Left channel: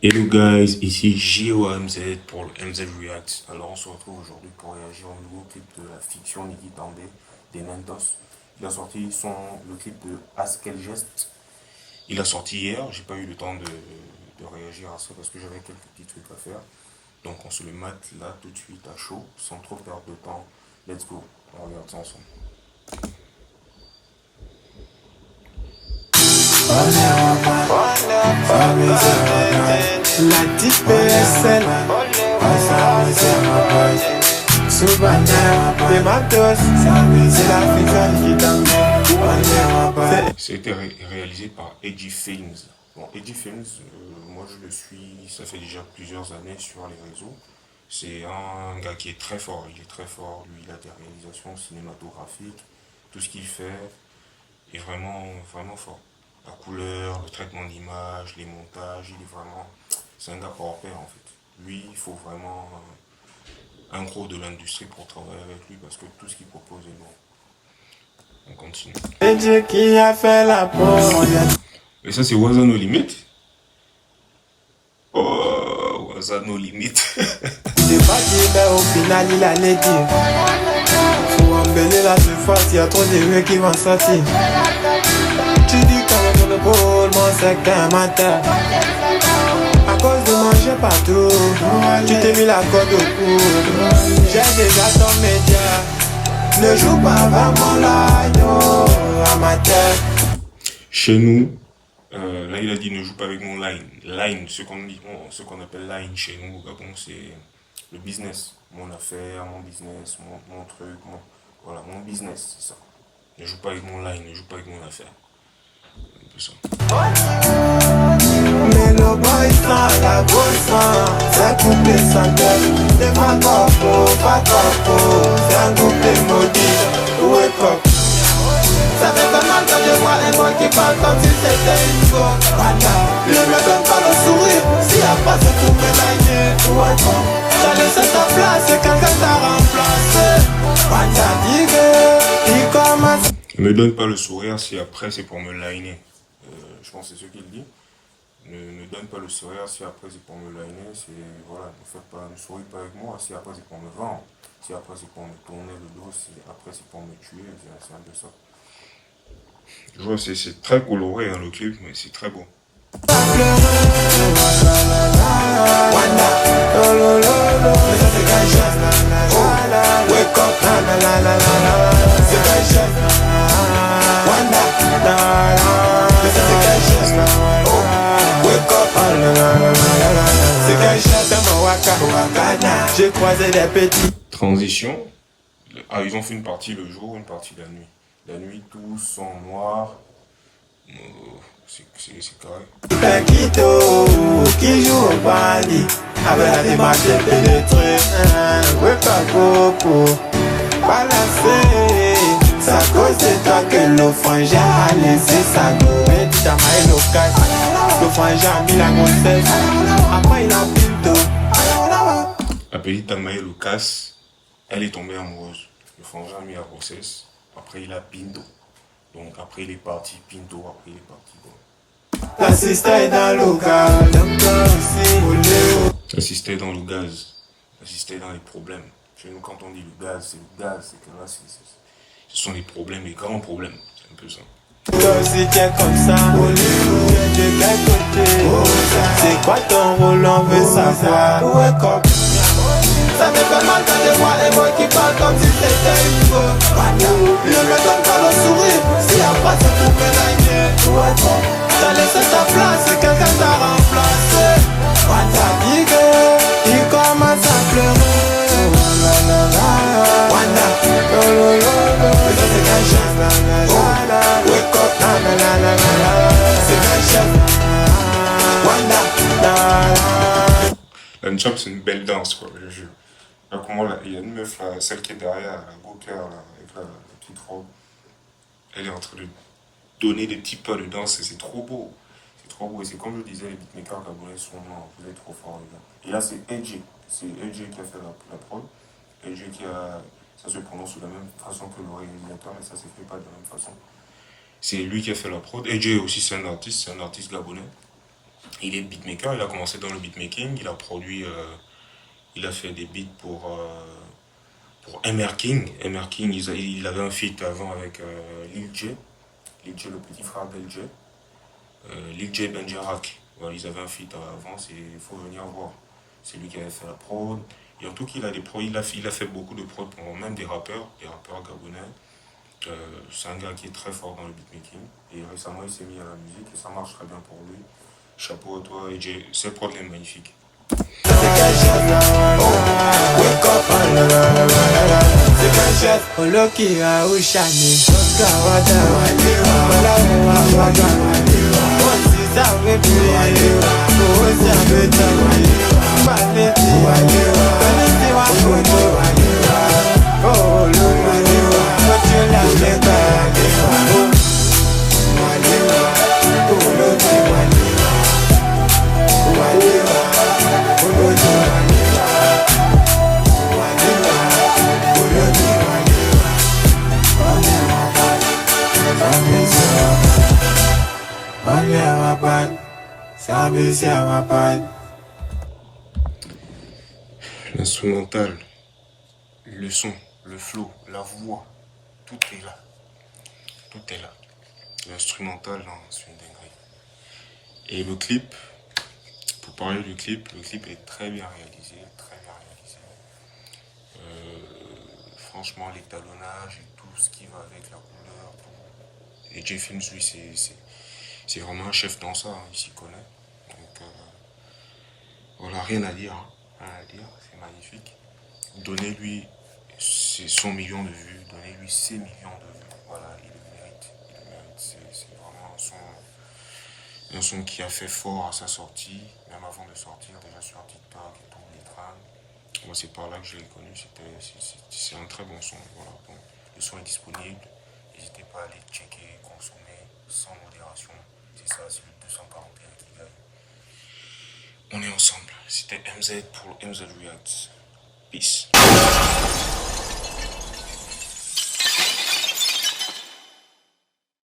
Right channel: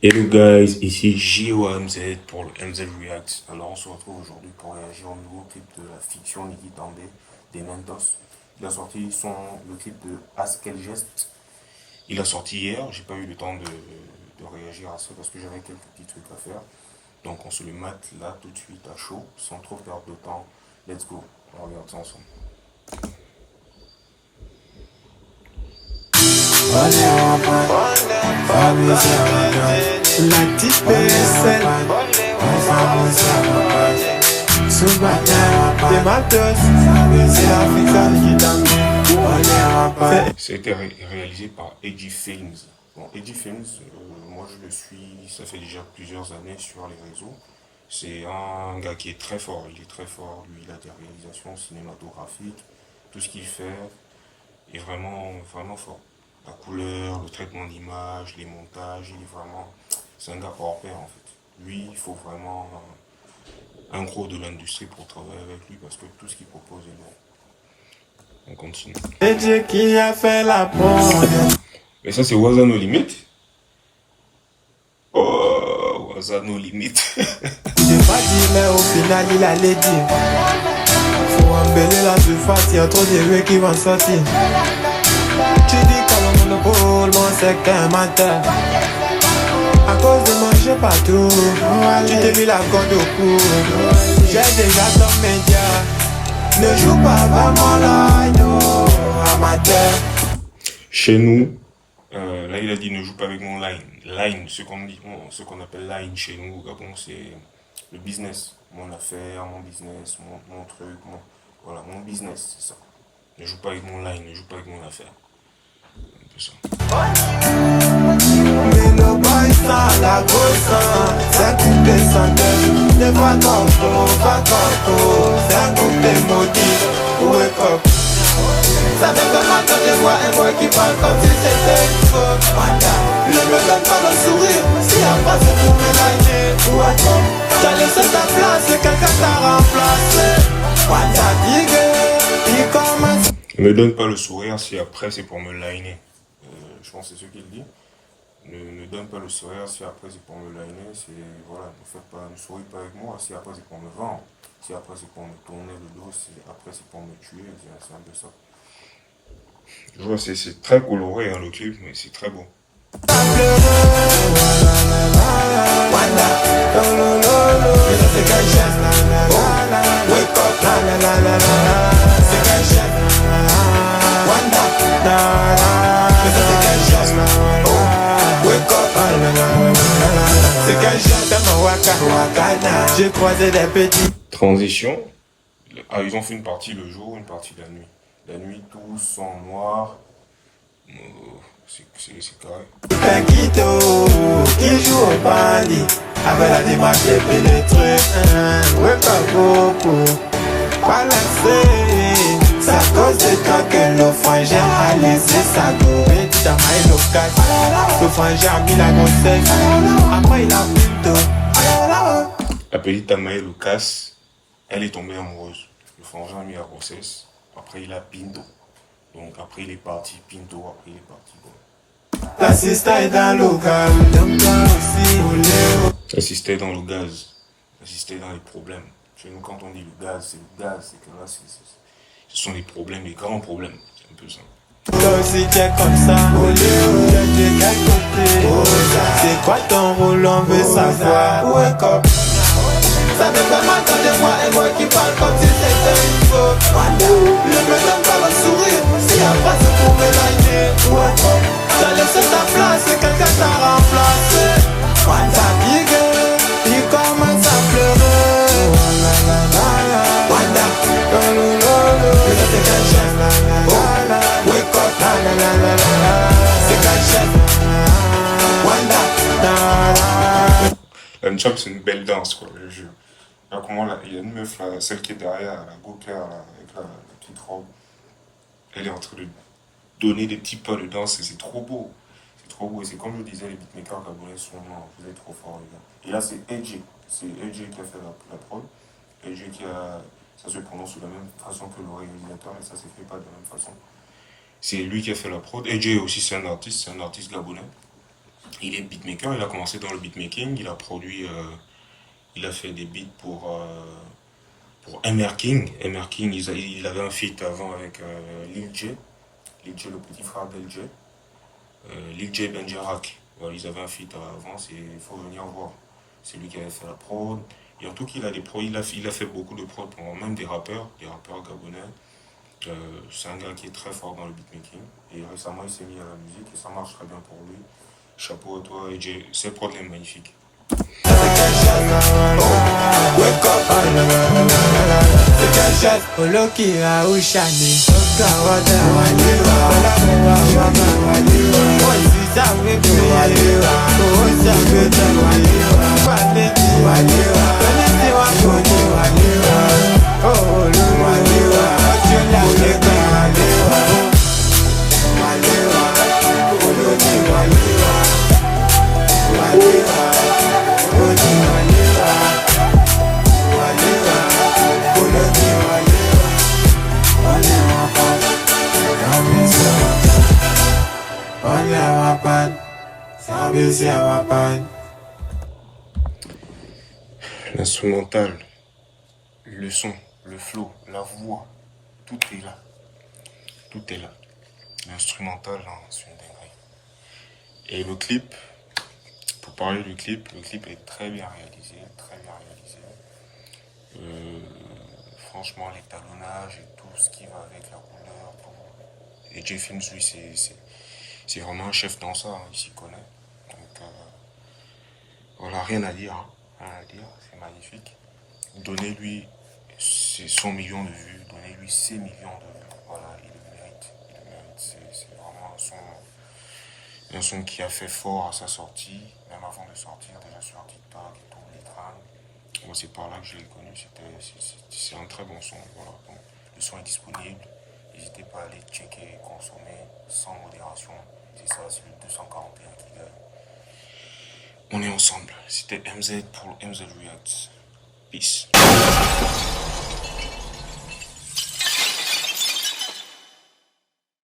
Hello guys, ici JOMZ pour le MZ React. Alors on se retrouve aujourd'hui pour réagir au nouveau clip de la fiction Niki Tandé des Mentos. Il a sorti le clip de As quel geste. Il a sorti hier, j'ai pas eu le temps de réagir à ça parce que j'avais quelques petits trucs à faire. Donc on se le mate là tout de suite à chaud, sans trop perdre de temps. Let's go, on regarde ça ensemble. La petite PSL, des Maltos, c'est l'Africaine qui t'amène. C'était réalisé par Edgy Films. Bon, Edgy Films, moi je le suis, ça fait déjà plusieurs années sur les réseaux. C'est un gars qui est très fort, il est très fort. Lui, il a des réalisations cinématographiques. Tout ce qu'il fait est vraiment, vraiment fort. La couleur, le traitement d'image, les montages, il est vraiment. C'est un gars hors pair en fait. Lui, il faut vraiment un gros de l'industrie pour travailler avec lui parce que tout ce qu'il propose est bon. On continue. C'est Dieu qui a fait la preuve. Et ça, c'est Waza No Limit. Oh, Waza No Limit. J'ai pas dit, mais au final, il allait dire. Faut embellir la surface, il y a trop de rues qui vont sortir. Tu dis qu'à mon monopole, mon secteur menteur. À cause de manger partout, tu t'es mis la corde au cou. J'ai déjà ton média. Ne joue pas vraiment l'agneau, amateur. Chez nous, là, il a dit ne joue pas avec mon line. Line, ce qu'on appelle line chez nous au Gabon, c'est le business. Mon affaire, mon business, mon truc, voilà, mon business, c'est ça. Ne joue pas avec mon line, ne joue pas avec mon affaire. Un peu ça. Mais le boy ça, la grosse, ça coupe les sandales. Ne pas corpo, c'est un groupe de maudits. Wake up. Ça fait comment quand je vois un boy qui parle comme si c'était une faute. Ne me donne pas le sourire, si après c'est pour me liner. Wake up. T'as laissé ta place, quelqu'un t'a remplacé. What's up, il commence. Ne me donne pas le sourire si après c'est pour me liner. Je pense que c'est ce qu'il dit. Ne donne pas le sourire si après c'est pour me liner. C'est, voilà, ne souris pas avec moi si après c'est pour me vendre. Si après c'est pour me tourner le dos, si après c'est pour me tuer, c'est un peu ça. Je vois, c'est très coloré hein, le clip, mais c'est très beau. J'ai croisé des petits. Transition. Ah, ils ont fait une partie le jour, une partie la nuit. La nuit, tous sont noirs. C'est carré. Paquito qui joue au bandit avec la démarche et des trucs. Ouais, pas beaucoup. Balancé. C'est à cause de toi que le frangin a laissé sa go. Et tu t'as maillé le casse. Le frangin a mis la grossesse. Après, il a pinto. La petite Tamae Lucas, elle est tombée amoureuse. Le frangin a mis la grossesse. Après, il a Pinto. Donc, après, il est parti Pinto. Après, il est parti. Bon. La sister est dans le local. Donc, là aussi, Assister dans le gaz. Assister dans les problèmes. Chez nous, quand on dit le gaz, c'est que là, ce sont les problèmes, les grands problèmes. C'est un peu ça. toi aussi tu es comme ça. Hollywood, tu es quel côté? C'est quoi ton rôle, on veut savoir. Wake up. Ça fait pas mal quand je vois un mot qui parle comme si c'était une faute. Ne me donne pas le sourire, si après c'est pour me liner. Wake up. T'as laissé ta place, quelqu'un t'a remplacé. T'as dit que il commence à pleurer. Wanda, c'est qu'un chef. Wake up, c'est qu'un chef. Wanda, La Nchop, c'est une belle danse, quoi, je jure. Là, comment là, il y a une meuf, là, celle qui est derrière, la go là, avec la petite robe. Elle est en train de donner des petits pas de danse et c'est trop beau. C'est trop beau. Et c'est comme je disais, les beatmakers gabonais sont vous êtes trop forts, les gars. Et là, c'est AJ. C'est AJ qui a fait la prod. AJ qui a. Ça se prononce de la même façon que le réalisateur, mais ça ne s'écrit pas de la même façon. C'est lui qui a fait la prod. AJ aussi, c'est un artiste gabonais. Il est beatmaker, il a commencé dans le beatmaking, il a produit, il a fait des beats pour MR King. MR King, il avait un feat avant avec Lil J. Lil J, le petit frère d'El J. Lil J Benjarak. Voilà, ils avaient un feat avant, il faut venir voir. C'est lui qui avait fait la prod. Et en tout cas, il a des pros, il a fait beaucoup de prod pour même des rappeurs gabonais. C'est un gars qui est très fort dans le beatmaking. Et récemment, il s'est mis à la musique et ça marche très bien pour lui. Chapeau à toi, et ses prods est magnifique. L'instrumental, le son, le flow, la voix, tout est là. Tout est là. L'instrumental, c'est une dinguerie. Et le clip, pour parler du clip, le clip est très bien réalisé, très bien réalisé. Franchement, l'étalonnage et tout ce qui va avec la couleur, tout. Et Jay Films, lui, c'est vraiment un chef dans ça, il s'y connaît. Donc, voilà, rien à dire, hein. Rien à dire, c'est magnifique. Donnez-lui ses 100 millions de vues, donnez-lui 6 millions de vues. Voilà, il le mérite. Il le mérite. C'est vraiment un son qui a fait fort à sa sortie, même avant de sortir, déjà sur TikTok et tout, les trams. Moi, c'est par là que je l'ai connu. C'est un très bon son. Voilà. Donc, le son est disponible. N'hésitez pas à aller checker, consommer sans modération. C'est ça, c'est le 241 qui gagne. On est ensemble. C'était MZ pour MZ Reacts.